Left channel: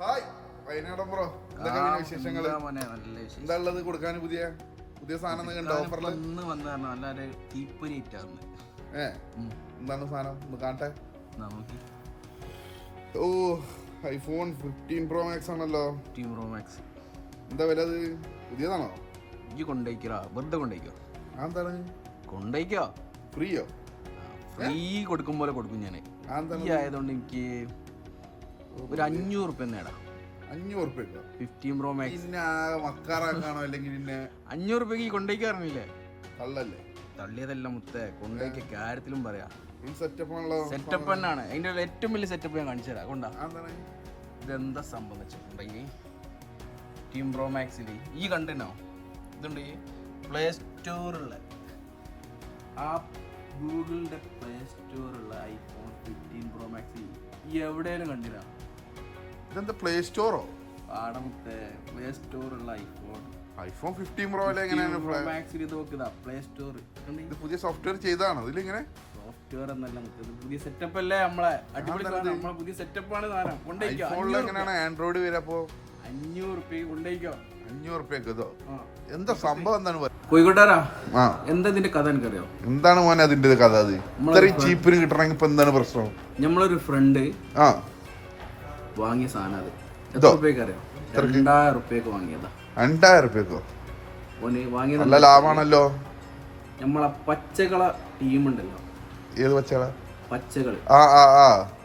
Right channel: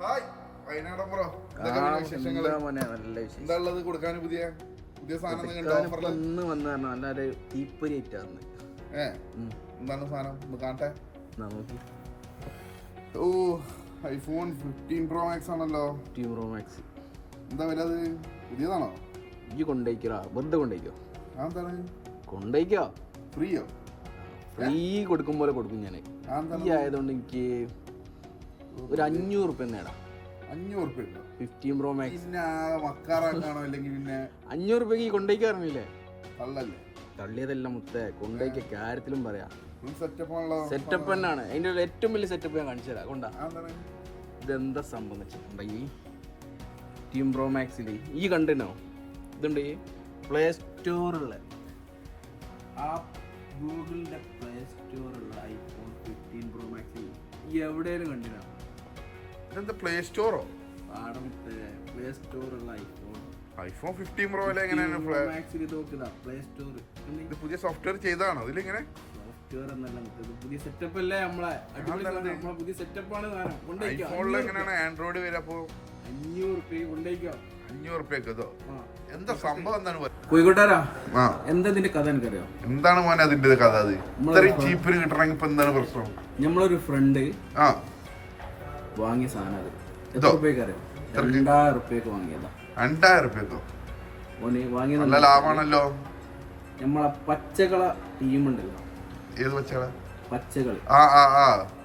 Hi വയനാടൻ bro, എന്തൊക്കെയാണ് വിശേഷങ്ങള്? എന്താ ഉള്ളത് കൊടുക്കാൻ? പുതിയ പുതിയ സാധനം നല്ലൊരു തീപ്പൊരി ആയിട്ടാണ്. എന്താണ് സാധനം? ഒന്ന് കാണട്ടെ. ഓ, ഐഫോൺ 15 Pro Max ആണല്ലോ. 15 Pro Max എന്താ വില? അത് പുതിയതാണോ? ഈ കൊണ്ടേക്കോ? വെറുതെ കൊണ്ടേക്കോ? എന്താണ് കൊണ്ടേക്കോ? ഫ്രീയോ? ഫ്രീ കൊടുക്കും പോലെ കൊടുക്കും ഞാൻ. ആയതുകൊണ്ട് എനിക്ക് ഒരു 500 റുപ്യ 500 റുപ്യ 15 Pro Max. പിന്നെ മക്കാറാക്കാണോ അല്ലെങ്കിൽ പിന്നെ 500 റുപ്യക്ക് കൊണ്ടേക്കാറില്ലേ? തള്ളല്ലേ? തള്ളിയതല്ല മുത്തേ, കൊണ്ടേക്ക കാര്യത്തിലും പറയാം. സെറ്റപ്പ് തന്നെയാണ്. അതിന്റെ ഏറ്റവും വലിയ സെറ്റപ്പ് ഞാൻ കാണിച്ചു തരാം. കൊണ്ടാ ഇതെന്താ സംബന്ധിച്ചിട്ടുണ്ടെങ്കിൽ 15 Pro Maxൽ ഈ കണ്ടനോ ഇതുണ്ട് പ്ലേ സ്റ്റോറുള്ള ആ ഗൂഗിളിന്റെ പ്ലേ സ്റ്റോറുള്ള ഐഫോൺ 15 Pro Max എവിടെയും കണ്ടില്ല. ഇതെന്താ പ്ലേ സ്റ്റോറോ? പാടമത്തെ പ്ലേ സ്റ്റോറുള്ള ഐഫോൺ 15 Pro എങ്ങനെയാണ് മാക്സിൽ ഇത് നോക്കുക? പ്ലേ സ്റ്റോർ ഇത് പുതിയ സോഫ്റ്റ്വെയർ ചെയ്താണോ? ഇതിലിങ്ങനെ സോഫ്റ്റ്വെയർ എന്നല്ല, പുതിയ സെറ്റപ്പ് അല്ലേ നമ്മളെ? നമ്മളെ പുതിയ സെറ്റപ്പാണ് സാധനം. എങ്ങനെയാണ് ആൻഡ്രോയിഡ് വരെ? അപ്പോ 500 റുപ്യ കൊണ്ടേക്കോ? 500 റുപ്യക്കോ? എന്താ സംഭവം? എന്താണ് കോഴിക്കോട്ടാരാ? എന്താ ഇതിന്റെ കഥ എനിക്കറിയോ? എന്താണ് മോനെ അതിന്റെ കഥ? അത് ഇത്രയും ചീപ്പിന് കിട്ടണമെങ്കിൽ ഇപ്പൊ എന്താണ് പ്രശ്നം? നമ്മളൊരു ഫ്രണ്ട് വാങ്ങിയ സാധനം. അത് എത്ര റുപ്യക്ക് അറിയോ? 2000 റുപ്യക്ക് വാങ്ങിയതാ. 2000 റുപ്യക്കോ? വാങ്ങിയത് നല്ല ലാഭമാണല്ലോ. നമ്മളെ പച്ചകള ടീമുണ്ടല്ലോ. ഏത് പച്ചകള? പച്ചകള്.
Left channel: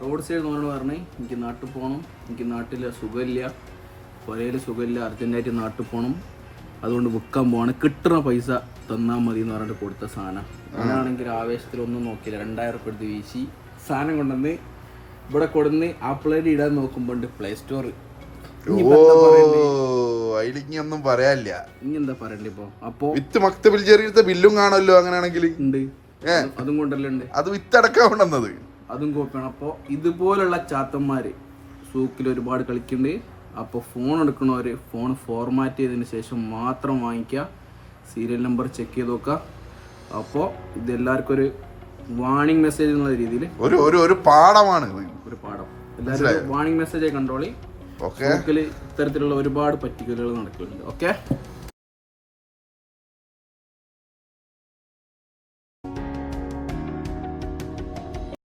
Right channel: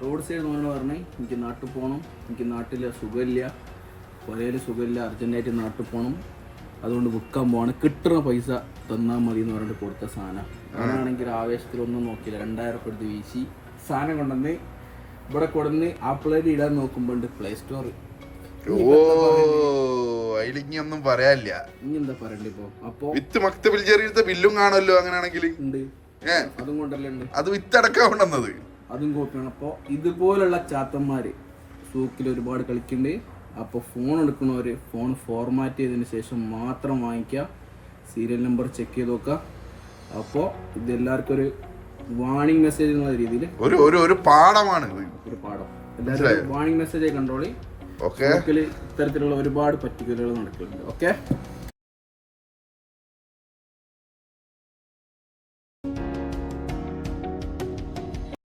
റോഡ് സൈഡ് നോനോട് പറഞ്ഞേ എനിക്ക് നാട്ടിൽ പോകണം, എനിക്ക് നാട്ടില് സുഖമില്ല, പുരയില് സുഖമില്ല, അർജന്റായിട്ട് നാട്ടിൽ പോകണം, അതുകൊണ്ട് വിൽക്കാൻ പോവാണ്, കിട്ടുന്ന പൈസ തന്നാൽ മതി എന്ന് പറഞ്ഞിട്ട് കൊടുത്ത സാധനം. ഞാനാണെങ്കിൽ ആവേശത്തിലൊന്നും നോക്കിയില്ല, 2000 റുപ്യ എടുത്ത് വീശി സാധനം കൊണ്ടുവന്ന് ഇവിടെ കൊടുന്ന് ആപ്പിളേറ്റ് ഇടാൻ നോക്കുമ്പോണ്ട് പ്ലേ സ്റ്റോർ. ഒന്നും പറയാനില്ല. ഇനി എന്താ പറയണ്ടേ ഇപ്പൊ? അപ്പൊ വിത്ത് മക്തബിൽ ചെറിയ ബില്ലും കാണുമല്ലോ. അങ്ങനെയാണെങ്കിൽ ഉണ്ട്, അതും കൊണ്ടല്ലേ ഉണ്ട്. അത് വിത്തടക്കം കൊണ്ടുവന്നത്, അതും കോപ്പിയാണ്. അപ്പോൾ ഇതുപോലുള്ള ചാത്തന്മാര് സൂക്കിൽ ഒരുപാട് കളിക്കുന്നുണ്ട്. അപ്പോൾ ഫോൺ എടുക്കണവര് ഫോൺ ഫോർമാറ്റ് ചെയ്തതിന് ശേഷം മാത്രം വാങ്ങിക്കുക, സീരിയൽ നമ്പർ ചെക്ക് ചെയ്ത് നോക്കുക. അപ്പോൾ ഇതെല്ലാവർക്കും ഒരു വാണിംഗ് മെസ്സേജ് എന്നുള്ള രീതിയിൽ ഒരു പാഠമാണ്. ഒരു പാഠം. എല്ലാവരും വാണിംഗ് മെസ്സേജായി കണ്ടോളി. ഇത്തരത്തിലുള്ള ഒരുപാട് പറ്റിക്കലുകൾ നടക്കുന്നുണ്ട്. ഓക്കെ.